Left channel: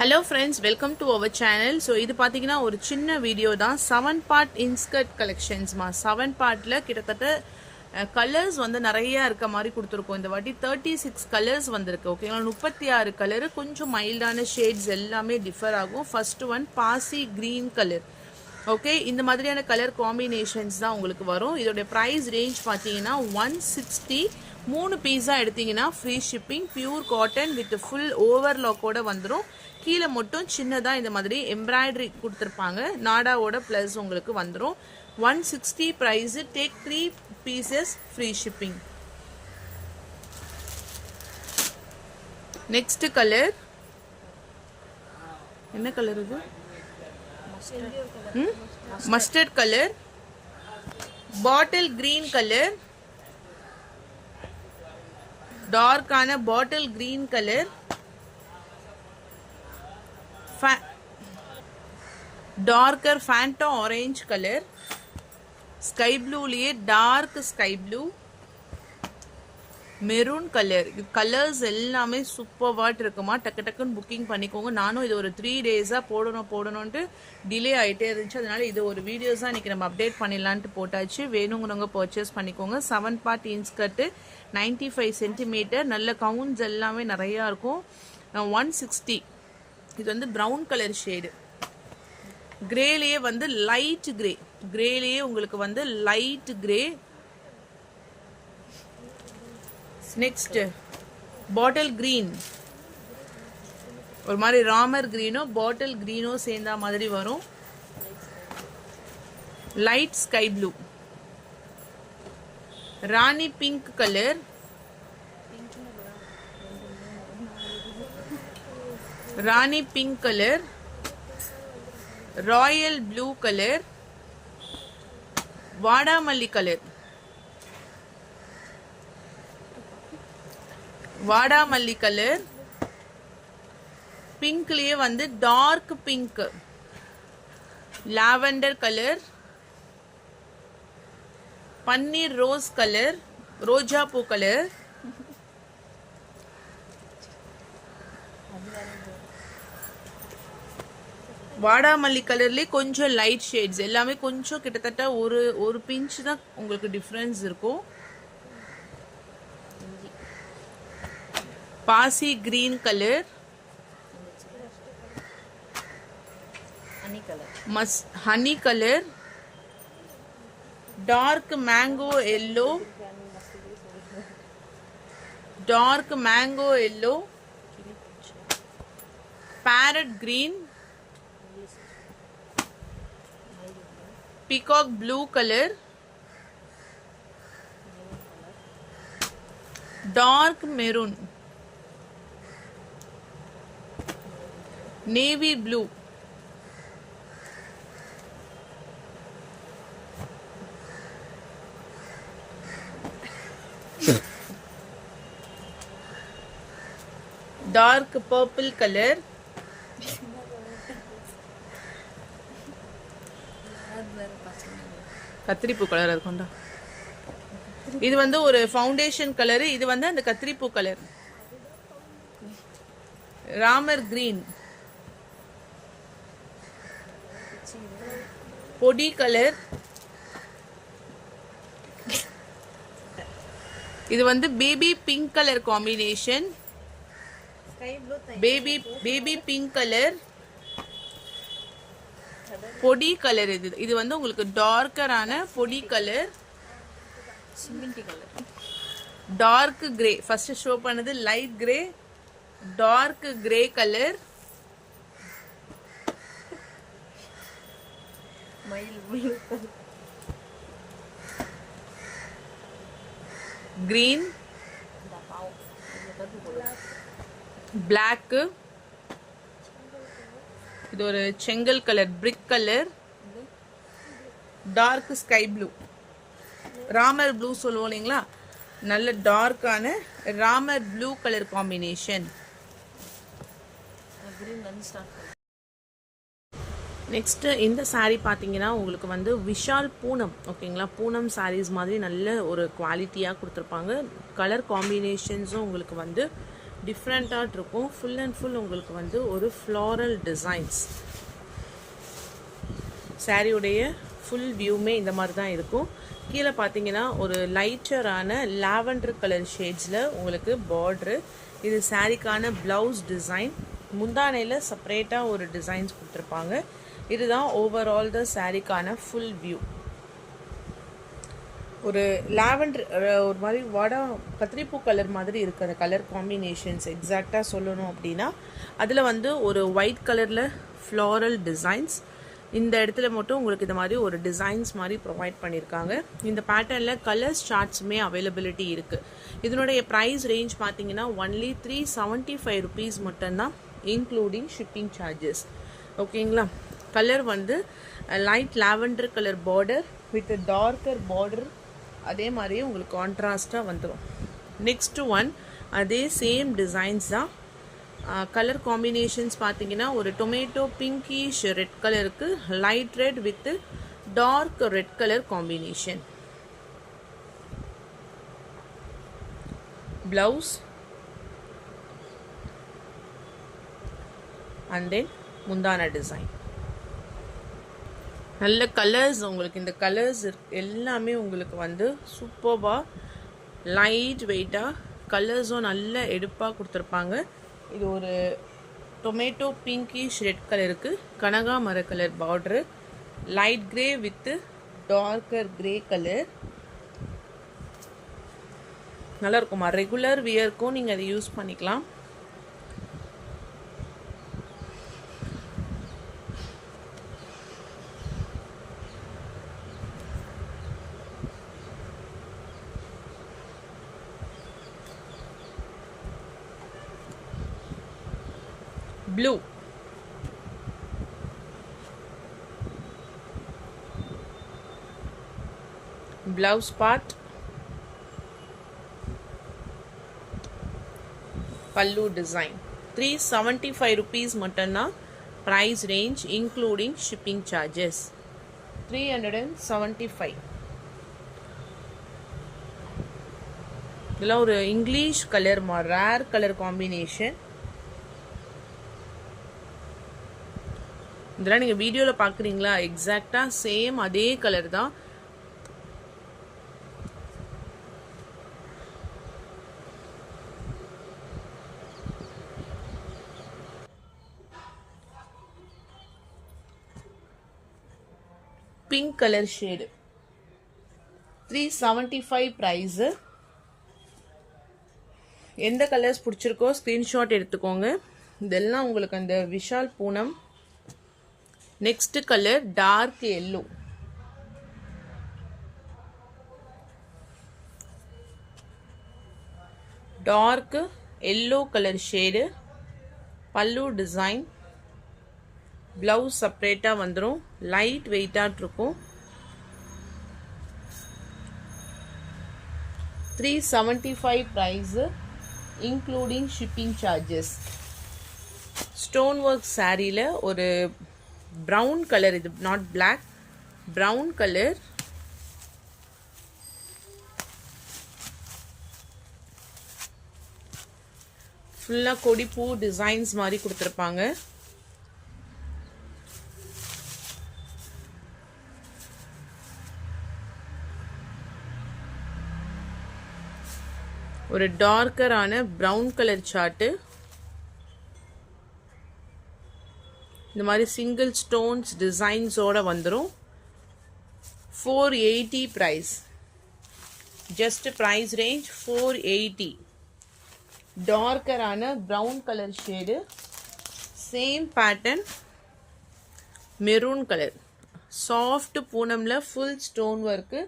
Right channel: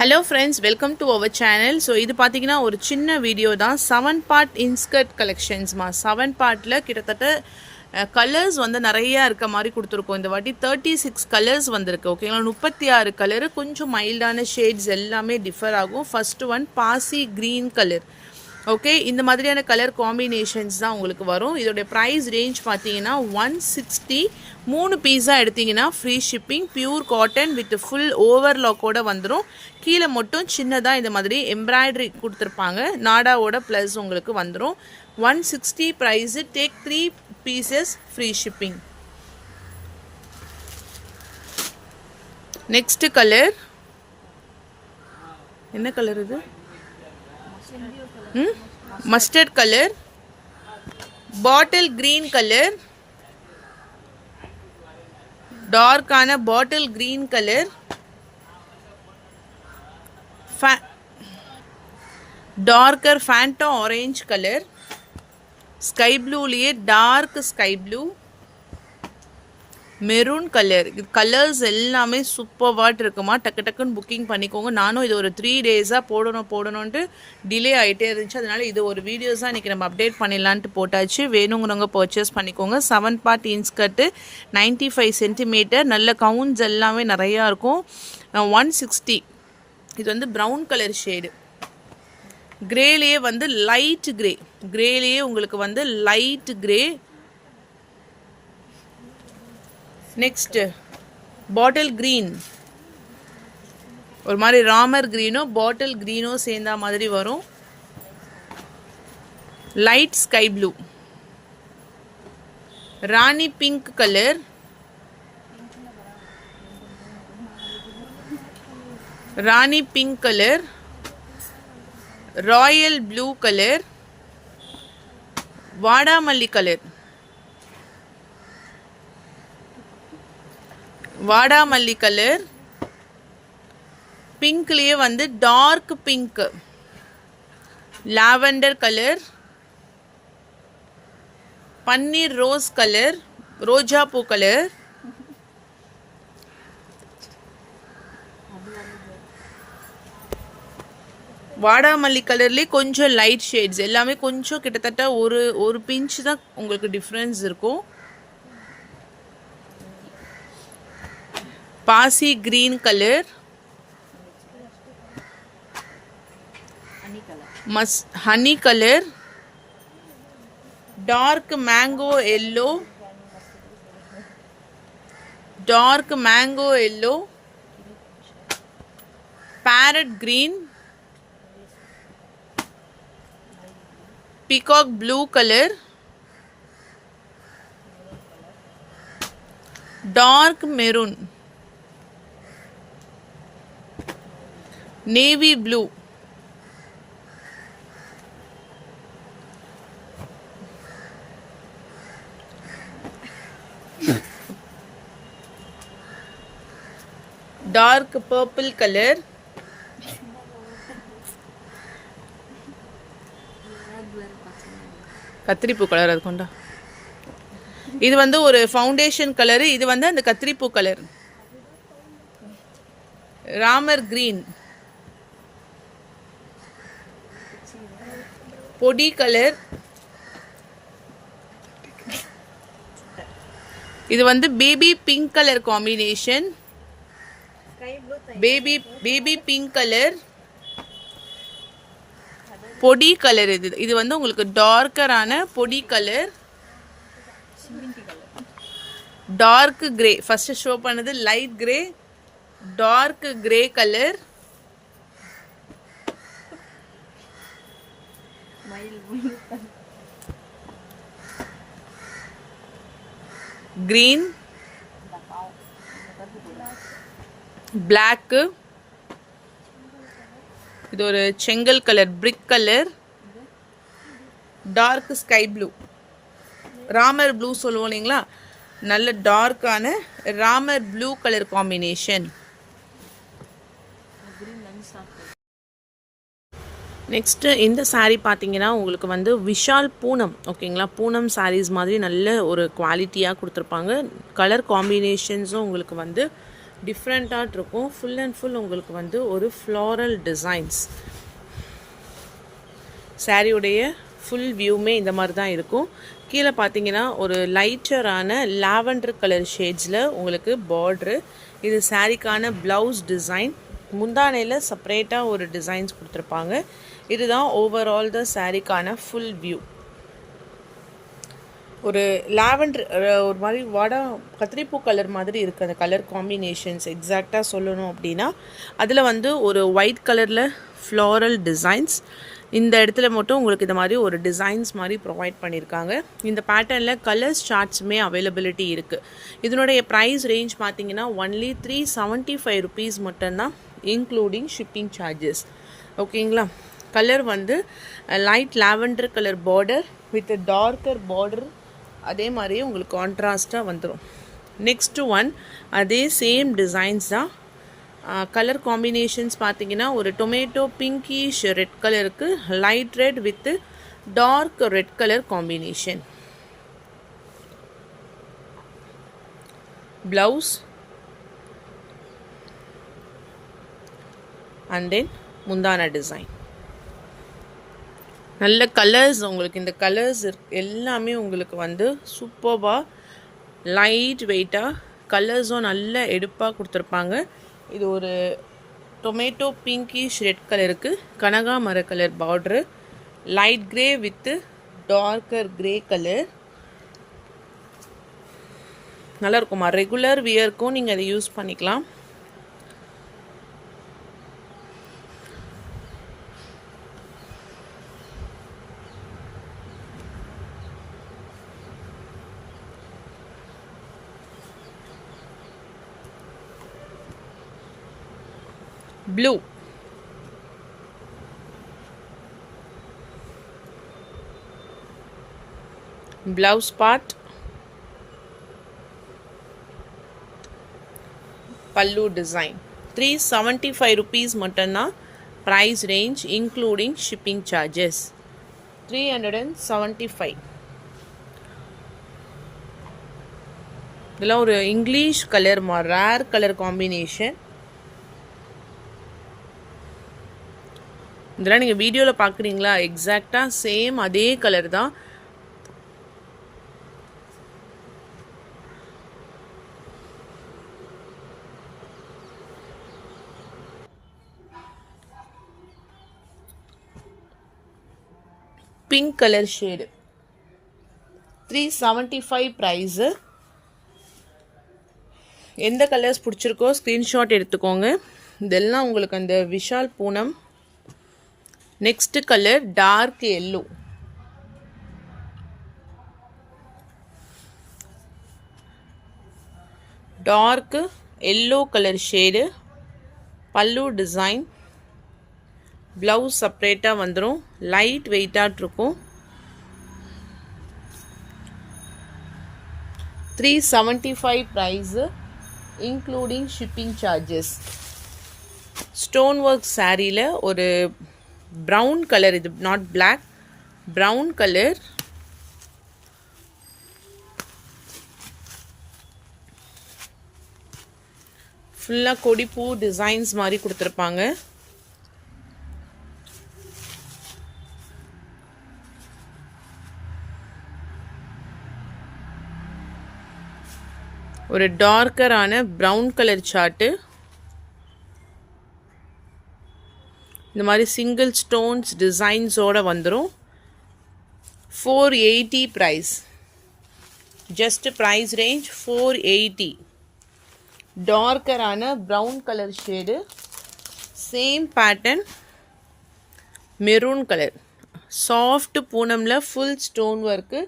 Hello friends, welcome to our channel. So இது பாத்தீங்கன்னா ஒரு சின்ன வீடியோ தான் 7 part inskirt collections மா 7 partல கிட்டத்தட்ட கலர்ஸ் வந்து நிறைய இருக்க மாதிரி கொடுத்துருக்கோம். இந்த வாட்டி 36 கலர்ஸ் வந்திருக்கு. ஓகேங்களா, 36 கலர், கொஞ்சம் மைல்டான ஷேட்ஸ் எல்லாமே டிஃபர் ஆகும். ஃபர்ஸ்ட் ஒன் பாசி கிரீன் கலர். ஓகே, இந்த மாதிரியான கலர் காம்பினேஷன்ஸ் தான் உங்களுக்கு வரும். இதோடைய ப்ரைஸ் ரேஞ்ச் பார்த்தீங்கன்னா 160. 3 பீஸா எடுத்தீங்கன்னா free shipping. Pure cotton with full ஓவர்லாக்கோட வந்துடும். கீழே மட்டும் சின்னதாக இந்த மாதிரி எம்ப்ராய்டரி கொடுத்துருப்பாங்க. நாடாவோட ப்ளஸ் உங்களுக்கு வந்துடும். 160 price. Take 3 pieces free shipping. Next colour என்ன கலர் இது? Mustard colour, bottle green colour, டார்க்கான bottle green colour, darker Fanta orange colour, sky ப்ளூலேயே dark sky blue, maroon colour. இது கலர்ஸ் எல்லாமே சூப்பர்வாட் இருக்குமா. டக்கு டக்குன்னு புக்கிங் பண்ணிக்கோங்க. நானும் இது ஒரு 3 டேஸாக போடணுன்ட்டு டிலே ஆகிட்டே இருந்துச்சு. அதனால் இது ஒரு வீடியோஸாக இன்றைக்கி நம்ம அப்டேட் பண்ணிடலான்ட்டு போட்டாச்சு. வேணுங்கிறவங்க பர்ச்சேஸ் பண்ணிக்கோங்க. 7 part இன்ஸ்கர்ட்டு, 95 சென்டிமீட்டர். நல்ல கவுன்ஸ் எல்லாமே நிறையா இருக்கும். 160. இது வந்து ப்ரௌன் கலர் ஷேடு. கிரேலேயே வந்து லைட் கிரே. கிரேலேயே உங்களுக்கு வந்து light grey. Next bottle green. ஒரு மாதிரி ராமர் கிரீனோ பாட்டில் கிரீனோ சேர்ந்த மாதிரி வரும். லைட் ஸ்கை ப்ளூ, ராணி பிங்க் கலர், ராணி pink colour, royal blue colour, வாடாமல்லி கலர், வாடாமல்லி கலர். பிங்க்லேயே வந்து டார்க் பிங்க், லாவெண்டர் கலர், பன்னீர் ரோஸ் கலர், ரோஜா பூ கலர், வாடாமல்லி கலர்லேயே கொஞ்சம் லைட் ஷேட்ஸ் எல்லாமே கொஞ்சம் கிட்டத்தட்ட ஒரு பிஞ்ச் தான் உங்களுக்கு டிஃப்ரென்ஸ் இருக்கும். பாசி green colour, honey colour, dark mango yellow, dark mango yellow, parrot green, peacock blue colour, dark maroon, navy blue, dark purple colour, கத்திரிப்பூ கலர். அது கொண்டா, இது வந்து ஒரு ஃபவுண்டேஷன் கலரு. இது வந்து அந்த கத்திரிப்பூ கலர். ராமர் கிரீன், பொடி கலர். இது வந்து baby pink colour combination. Baby pink colour, பொடி கலர். இது வந்து உங்களுக்கு டார்க்கரான பொடி colour. Dark grey. First show பண்ணது light grey, dark grey colour, green, black. இது ஒரு செங்கல் colour, brick colour, dark sky blue, Ramar blue சொல்லுவோம் இல்லைங்களா, நல்ல டார்க்கான Ramar blue colour combination. Next இந்த சாரீ பார்த்தீங்கன்னா உங்களுக்கு வந்து விஷால் பூனம். ஓகேங்களா, பூனம் சாரீஸ் மாதிரி நல்ல ஒரு குவாலிட்டியாக கொடுத்துருப்பாங்க. கலர் காம்பினேஷன்ஸும் உங்களுக்கு வந்து டிஃப்ரெண்ட்டாக இருக்கும். ஃபுல் அண்ட் ஃபுல் உங்களுக்கு வந்து ஒரு ஃப்ளாரல் டிசைன்ஸ். சாரியுடைய ஃபுல் வியூமே இந்த மாதிரி தான் இருக்கும். கீழே பார்த்தீங்கன்னா ஒரு லைட்டரான லாவெண்டர் கலர் ஷேட்ஸில் உங்களுக்கு பார்ட்ரு. இது சாரிக்கான ப்ளவுஸ் டிசைன். முந்தானையில் செப்பரேட்டாக ஒரு டிசைன்ஸ் கொடுத்துருப்பாங்க. இதுதான் ஓவரால் த சாரிக்கான ஃபுல் வியூ. ஒரு லாவெண்டர் ஒரு மாதிரி கத்திரிப்பூ கலர் மாதிரி இருக்குது அந்த கலர் காம்பினேஷன்ஸ். எக்ஸாக்டாக சொல்லணும் அப்படின்னா அதில் வந்து ஒரு ஒயிட் கலரில் ஃப்ளாரல் டிசைன்ஸ். இந்த இடத்துல மட்டும் உங்களுக்கு இந்த மாதிரி ஒரு டிசைன்ஸ் மாதிரி ப்ரொவைட் பண்ணியிருக்காங்க. இந்த பேட்டர்னில் கலர்ஸ் சார்ட்ஸுமே அவைலபிலிட்டி இருக்குது. இதனுடைய ப்ரைஸ் ரேஞ்ச் பார்த்தீங்கன்னா ஒன்லி 375 rupees மட்டும்தான், இன்க்ளூடிங் ஷிப்பிங் சார்ஜஸ். ஓகேங்களா. கலர் வந்து light lavender colour border with darker border, அதே மாதிரியே உங்களுக்கு கான்ட்ராஸ்டாக வந்துடும். நெக்ஸ்ட்டு ஒன் அதே சேம் டிசைன்ஸ் தான். கலர் காம்பினேஷன்ஸ் பார்த்தீங்கன்னா ஒரு டொமேட்டோ பிங்கிஷ் ரெட் கலருக்கு light red with dark red colour combination. Blouse and then முந்தான டிசைன். நல்ல கலர்ஸ் உங்களுக்கு. இந்த கலர்ஸ் எல்லாமே உங்களுக்கு வந்து சூப்பர்பாக லைட் வெயிட்டாக கலர்ஸும் நல்ல எடுப்பாக கொடுத்துருப்பாங்க. இது ஒரு டொமேட்டோ பிங்கிஷ் ரெட் கலருக்கு கனகாமர colour border, light grey with darker grey colour. நல்லா இருக்குமா. ரெகுலர் வியர்க்கும் நீங்கள் அதை யூஸ் பண்ணிக்கலாம். blue, blouse part, pallu design. 375 rupees மட்டும்னா price range including shipping charges. 375. இதெல்லாம் ஒரு English colour rare colour combination. இதெல்லாம் நீங்கள் வீடியோவில் பார்க்குறீங்களா, எக்ஸாக்டாக சேம் அதே கலர் தான். Pink colour shade. 375 ப்ரைஸு. எந்த கலர்ஸ் பிடிச்சிருக்கோ ஸ்க்ரீன்ஷாட் எடுத்துக்கோங்க. இதெல்லாம் உங்களுக்கு அந்த Vishal Poonam. Next colour dark yellow. Dark yellow colour shade. Pallu design. Blouse செப்பரேட்டாக வந்துடும். லைட் வெயிட்டாக இருக்கும். 375 price including shipping charges. Stone work சாரியில் ஒரு ப்ரௌன் கலர், இது நாட் பிளாக், ப்ரௌன் கலர். ஃபுல்லாக கொடிப்பூ டிசைன்ஸ் மாதிரி கொடுத்துருப்பாங்க. ஒரு டார்க்கரான ப்ரௌன் கலர் சார்ட்டு. இந்த மாதிரி சிங்கிள் ஸ்டோன்ஸ் டிசைன்ஸோடு வந்துடும். 480 ப்ரைஸ். Just price range 480. டார்க்கரான brown colour shade. Same pattern maroon colour. Soft பூனமில் ஃபுல் ஸ்டோன் ஒர்க்கு.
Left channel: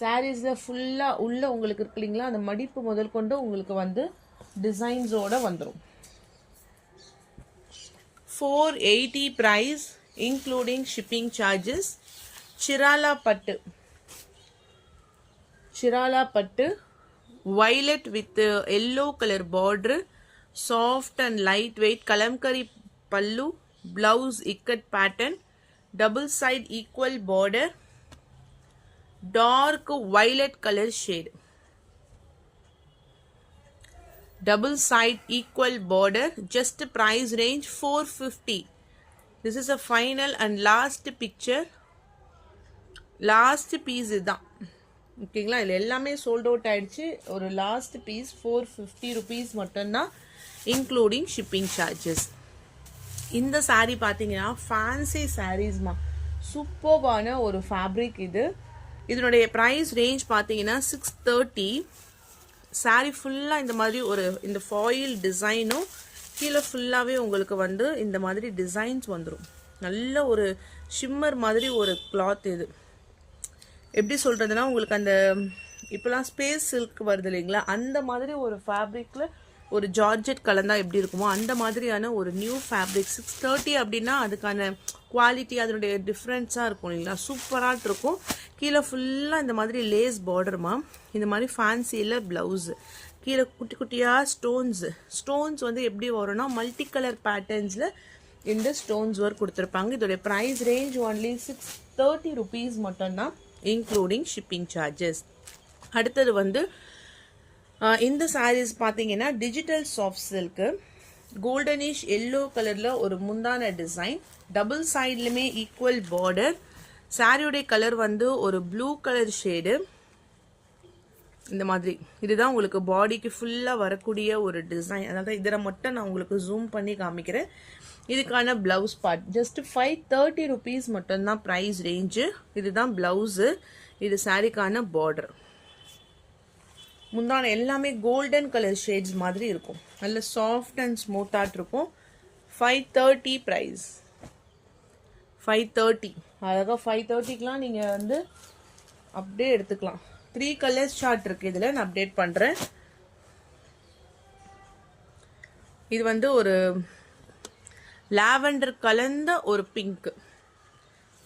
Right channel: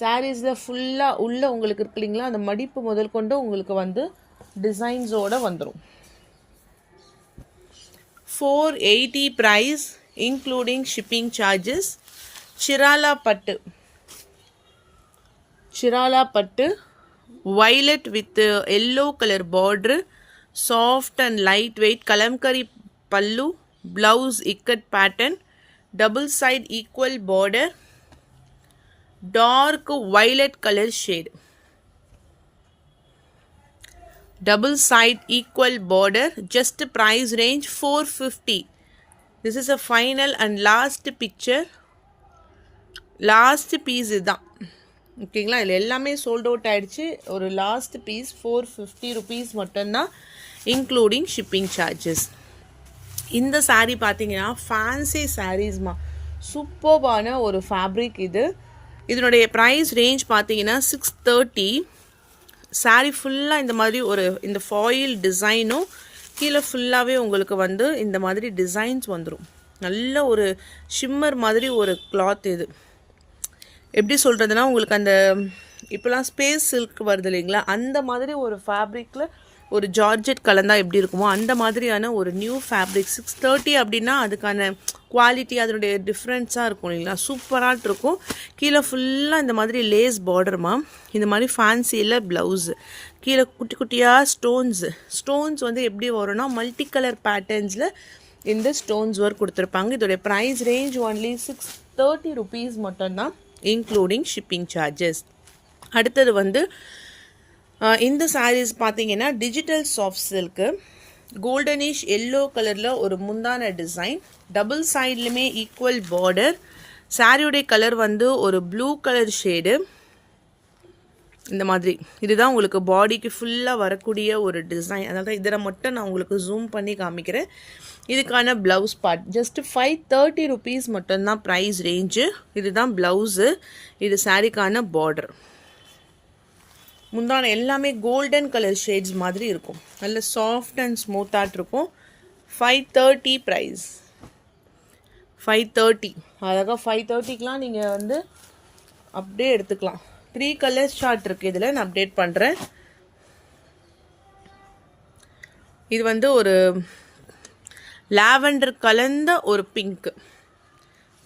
சாரீஸில் ஃபுல்லாக உள்ள உங்களுக்கு இருக்கு இல்லைங்களா, அந்த மடிப்பு முதல் கொண்டு உங்களுக்கு வந்து டிசைன்ஸோடு வந்துடும். 480 price including shipping charges. Chirala pattu violet with yellow color border, soft and lightweight kalamkari pallu, blouse ikat pattern, double side equal border, dark violet color shade. double side equal border, just price range 450. This is a final and last picture. Last piece இதுதான். ஓகேங்களா, இதில் எல்லாமே sold out ஆகிடுச்சு. ஒரு last piece 450 rupees மட்டும்தான், including shipping charges. இந்த சாரீ பார்த்தீங்கன்னா fancy சாரீஸ்மா, சூப்பர்பான ஒரு ஃபேப்ரிக் இது. இதனுடைய ப்ரைஸ் ரேஞ்ச் பார்த்தீங்கன்னா 630. சாரீ ஃபுல்லாக இந்த மாதிரி ஒரு இந்த ஃபாயில் டிசைனும் கீழே ஃபுல்லாகவே உங்களுக்கு வந்து இந்த மாதிரி டிசைன்ஸ் வந்துடும். நல்ல ஒரு ஷிம்மர் மாதிரி ஒரு கிளாத் இது. எப்படி சொல்கிறதுனா, உங்களுக்கு அந்த இப்போலாம் ஸ்பேஸ் சில்க் வருது இல்லைங்களா, அந்த மாதிரி ஒரு ஃபேப்ரிக்கில் ஒரு ஜார்ஜெட் கலந்தால் எப்படி இருக்குமோ அந்த மாதிரியான ஒரு நியூ ஃபேப்ரிக். 630 அப்படின்னா அதுக்கான குவாலிட்டி அதனுடைய டிஃப்ரென்ஸாக இருக்கும் இல்லைங்களா, சூப்பராக இருக்கும். கீழே ஃபுல்லாக இந்த மாதிரி லேஸ் பார்டர்மா, இந்த மாதிரி ஃபேன்சியில் ப்ளவுஸு, கீழே குட்டி குட்டியாக ஸ்டோன்ஸ் வந்து எப்படி வரும்னா மல்டி கலர் பேட்டர்ன்ஸில் இந்த ஸ்டோன்ஸ் ஒர்க் கொடுத்துருப்பாங்க. இதோடைய ப்ரைஸ் ரேஞ்ச் ஒன்லி 630 ருபீஸ் மட்டும்தான், இன்க்ளூடிங் ஷிப்பிங் சார்ஜஸ். அடுத்தது வந்து இந்த சாரீஸ் பார்த்தீங்கன்னா digital soft silk, goldenish yellow கலரில் ஒரு முந்தான டிசைன், டபுள் சைட்லையுமே ஈக்குவல் பார்டர். சாரியுடைய கலர் வந்து ஒரு ப்ளூ கலர் ஷேடு. இந்த மாதிரி இதுதான் உங்களுக்கு பாடிக்கு ஃபுல்லாக வரக்கூடிய ஒரு டிசைன். அதனால இதில் மட்டும் நான் உங்களுக்கு ஜூம் பண்ணி காமிக்கிறேன். இதுக்கான ப்ளவுஸ் பார்ட் ஜஸ்ட் 530 ருபீஸ் மட்டும்தான் ப்ரைஸ் ரேஞ்சு. இதுதான் ப்ளவுஸு, இது சாரிக்கான பார்டர். முந்தான எல்லாமே கோல்டன் கலர் ஷேட்ஸ் மாதிரி இருக்கும், நல்ல சாஃப்ட் அண்ட் ஸ்மூத்தாக இருக்கும். 530 ப்ரைஸ், 530. அழகாக 530க்கெலாம் நீங்கள் வந்து அப்படியே எடுத்துக்கலாம். 3 கலர்ஸ் ஷார்ட் இருக்குது இதில், நான் அப்டேட் பண்ணுறேன். இது வந்து ஒரு லாவெண்டர் கலந்த ஒரு பிங்க்,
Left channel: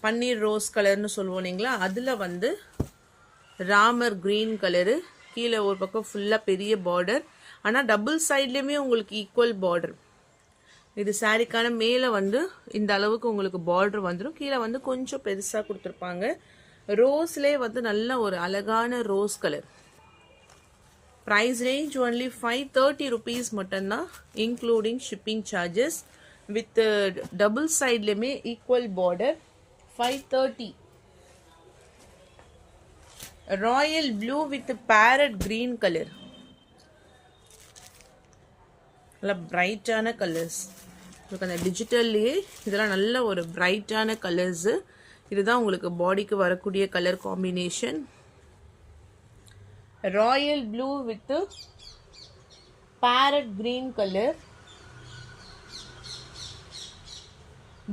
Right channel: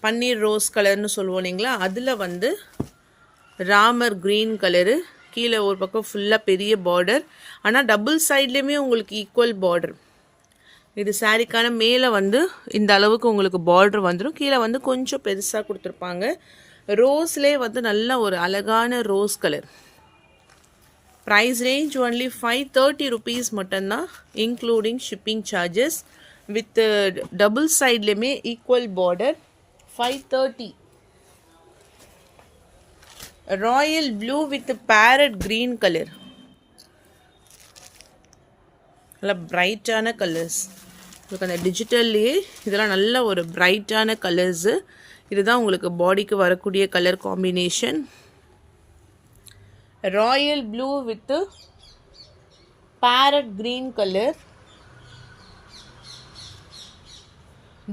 பன்னீர் ரோஸ் கலர்னு சொல்லுவோம் இல்லைங்களா, அதில் வந்து ராமர் க்ரீன் கலரு, கீழே ஒரு பக்கம் ஃபுல்லாக பெரிய பார்டர், ஆனால் டபுள் சைட்லேயுமே உங்களுக்கு ஈக்குவல் பார்டர். இது சாரிக்கான மேலே வந்து இந்த அளவுக்கு உங்களுக்கு பார்டர் வந்துடும், கீழே வந்து கொஞ்சம் பெருசாக கொடுத்துருப்பாங்க. ரோஸ்லேயே வந்து நல்ல ஒரு அழகான rose colour. Price range only 530 rupees மட்டும்தான், including shipping charges. With double சைட்லேயுமே equal border. 530. Royal blue with parrot green colour, நல்ல பிரைட்டான கலர்ஸ். உங்களுக்கு அந்த டிஜிட்டல்லையே இதெல்லாம் நல்ல ஒரு பிரைட்டான கலர்ஸு. இதுதான் உங்களுக்கு பாடிக்கு வரக்கூடிய colour combination. Royal blue with parrot green colour.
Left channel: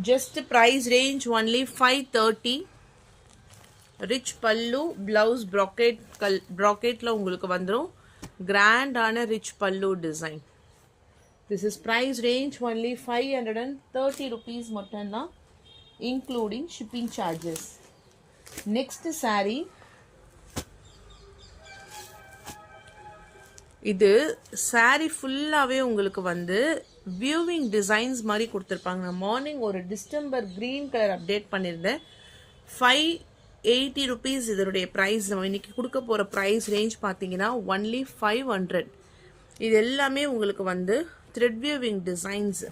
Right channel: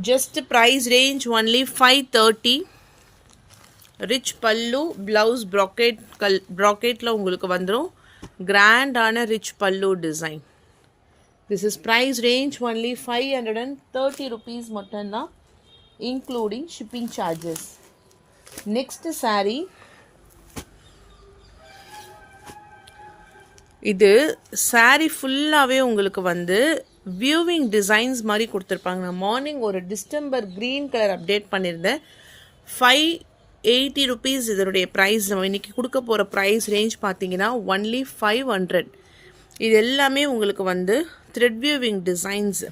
Just price range only 530. Rich pallu, blouse brocade உங்களுக்கு வந்துரும். கிராண்டான ரிச் பல்லு design. This is price range only 530 rupees மட்டும்தான், including shipping charges. Next saree, இது saree ஃபுல்லாகவே உங்களுக்கு வந்து வியூவிங் டிசைன்ஸ் மாதிரி கொடுத்துருப்பாங்க. நான் மார்னிங் ஒரு டிஸ்டம்பர் க்ரீன் கலர் அப்டேட் பண்ணியிருந்தேன். 580 ருபீஸ் இதனுடைய ப்ரைஸ். நம்ம இன்றைக்கி கொடுக்க போகிற ப்ரைஸ் ரேஞ்ச் பார்த்தீங்கன்னா ஒன்லி 500. இது எல்லாமே உங்களுக்கு வந்து த்ரெட் வியூவிங் டிசைன்ஸ்.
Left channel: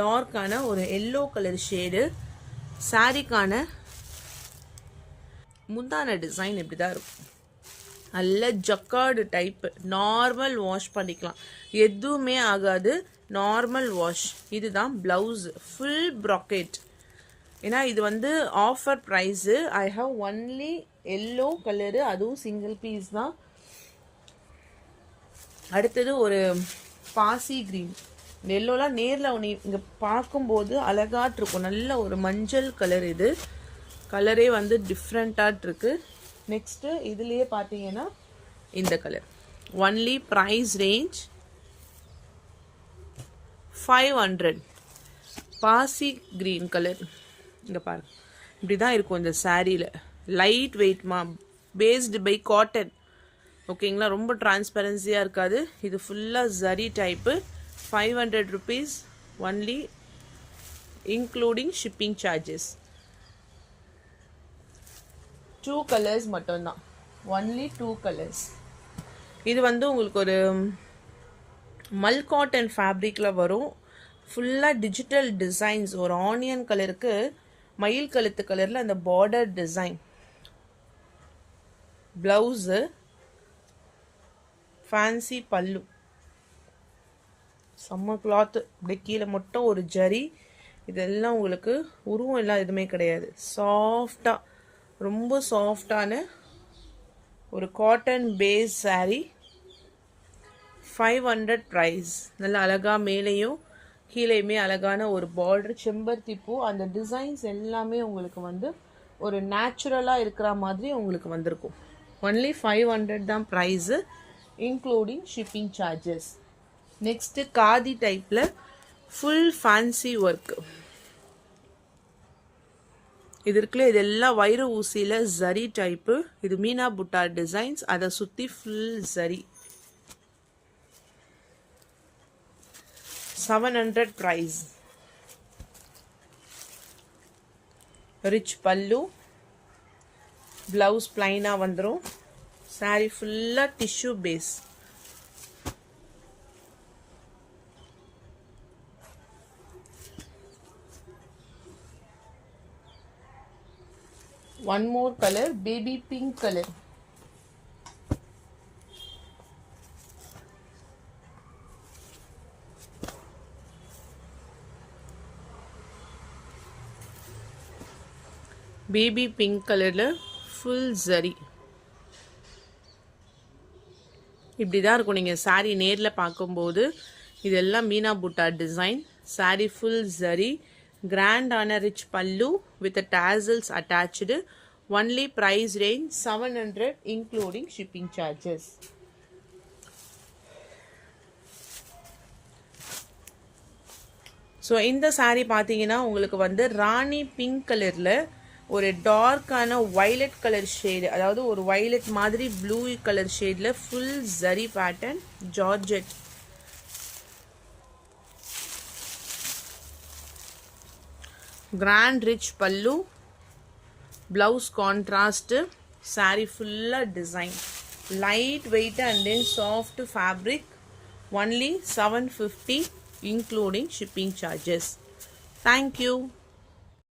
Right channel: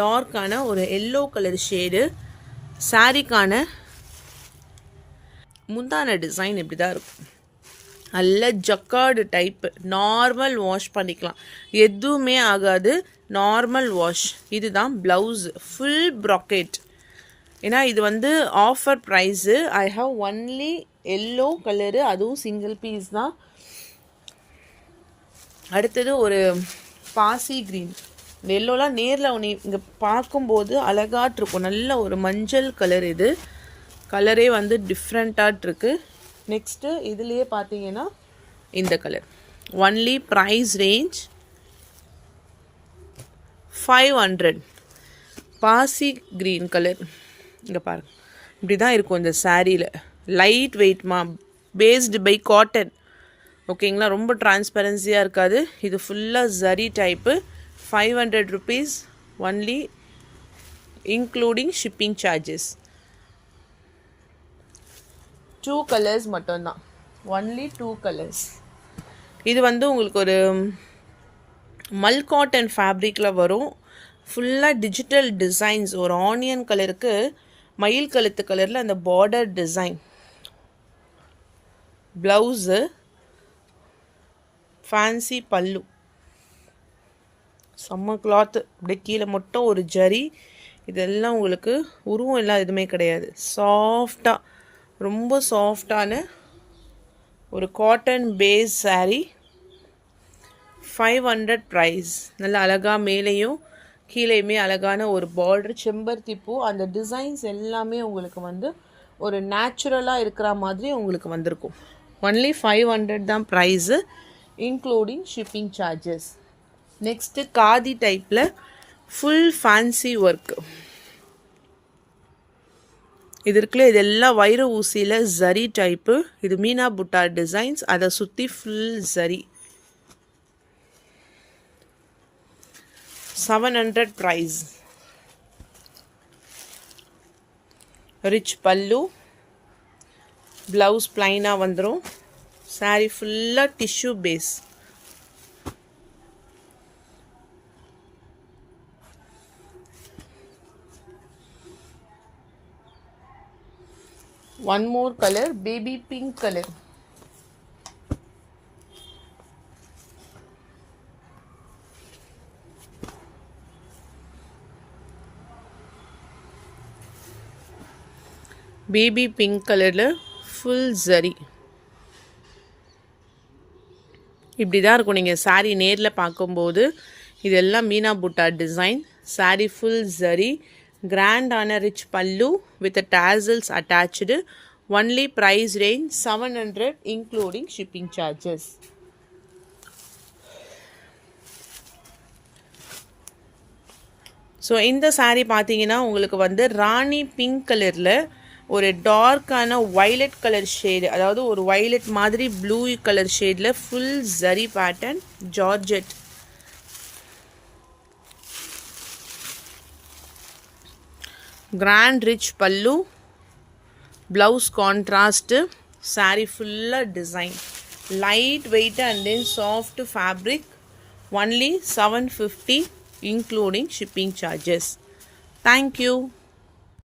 டார்க்கான ஒரு எல்லோ கலர் ஷேடு. சாரிக்கான முந்தான டிசைன் இப்படி தான் இருக்கும், நல்ல ஜக்கார்டு டைப்பு. நார்மல் வாஷ் பண்ணிக்கலாம், எதுவுமே ஆகாது, நார்மல் வாஷ். இதுதான் ப்ளவுஸு, ஃபுல் ப்ராக்கெட். ஏன்னா இது வந்து offer price. I have only yellow colour, அதுவும் சிங்கிள் பீஸ் தான். அடுத்தது ஒரு பாசி க்ரீன். இந்த எல்லோலாம் நேரில் இங்கே பார்க்கும்போது அழகாட்டிருக்கும், நல்ல ஒரு மஞ்சள் கலர். இது கலரே வந்து டிஃப்ரெண்ட்டாக நெக்ஸ்ட்டு இதுலேயே பார்த்தீங்கன்னா இந்த கலர். Only price range 500. பாசி க்ரீன் கலர். இங்கே பாருங்க, இப்படி தான் இருக்கும் இந்த சாரியில். லைட் வெயிட்மா, பேஸ்டு பை காட்டன். ஓகேங்களா, ரொம்ப டிரான்ஸ்பரன்சியாக இருக்காது. இது ஃபுல்லாக zari type. 500 rupees only, including shipping charges. 2 colours மட்டும்தான், ஒன்லி 2 கலர்ஸ். இது வந்து உங்களுக்கு ஒரு மல் காட்டன் ஃபேப்ரிக்கில் வரும். ஃபுல்லாக டிஜிட்டல் டிசைன்ஸ். ஒரு ஆனியன் கலருக்கு மயில் கழுத்து கலரில் அந்த பார்டர் டிசைன். ப்ளவுஸு, ஃபேன்சி பல்லு. செம்ம கிளாத்து. அப்படியே கீழே மட்டும் ஒரு ஜரி. இதெல்லாம் உங்களுக்கு உருவம் எல்லாம் எதுவுமே கிடையாது. சாஃப்டாக, ரொம்ப சாஃப்டான ஒரு காட்டன் பேஸ் சாரீ. 500 ப்ரைஸ். நல்ல அழகாக மேலேயும் கீழேயுமே அழகான ஒரு பார்டர், செம்பருத்தி பூ. அந்த டிசைன்ஸ் எல்லாமே உங்களுக்கு வந்து ஒரு நேச்சுரலாக இருக்கிற மாதிரி உங்களுக்கு வந்திருக்கும். ஒன்லி 500 தான் price, including shipping charges. Next khadi டைப்பில் ஃபுல் ஃபேன்சி ஒர்க்கு. இது இருக்குல்ல, இதெல்லாம் வைர ஊசியில் ஜரி டைப்பு. இது மீனா புட்டா டிசைன்ஸ். அதை சுற்றி full zari. 700 price. Rich pallu, blouse பிளைனாக வந்துடும். சாரீ ஃபுல்லாக tissue base. One more color, baby pink color. Baby pink கலரில் ஃபுல் ஜரி. இப்படி தான் இருக்கும் நீங்கள் சாரீ நேரில் பார்க்கும்போது. இதெல்லாம் மீனா புட்டா டிசைன். சாரீ ஃபுல் ஜரி. கிராண்டான rich pallu with tassels attach. Only price range 700 including shipping charges. So இந்த சாரீ பார்த்தீங்கன்னா உங்களுக்கு வந்து ராணி பிங்க் கலரில் ஒரு டார்க்கான வைலட் கலர் ஷேடு, அதாவது ஒரு வைலட் மாதிரி ப்ளூ கலர் ஷேடில் full zari pattern, georgette. Grand rich pallu, blouse contrast. Sari ஃபுல்லாக design. Light weight and then soft fabric. Only 750 including shipping charges. Thank you.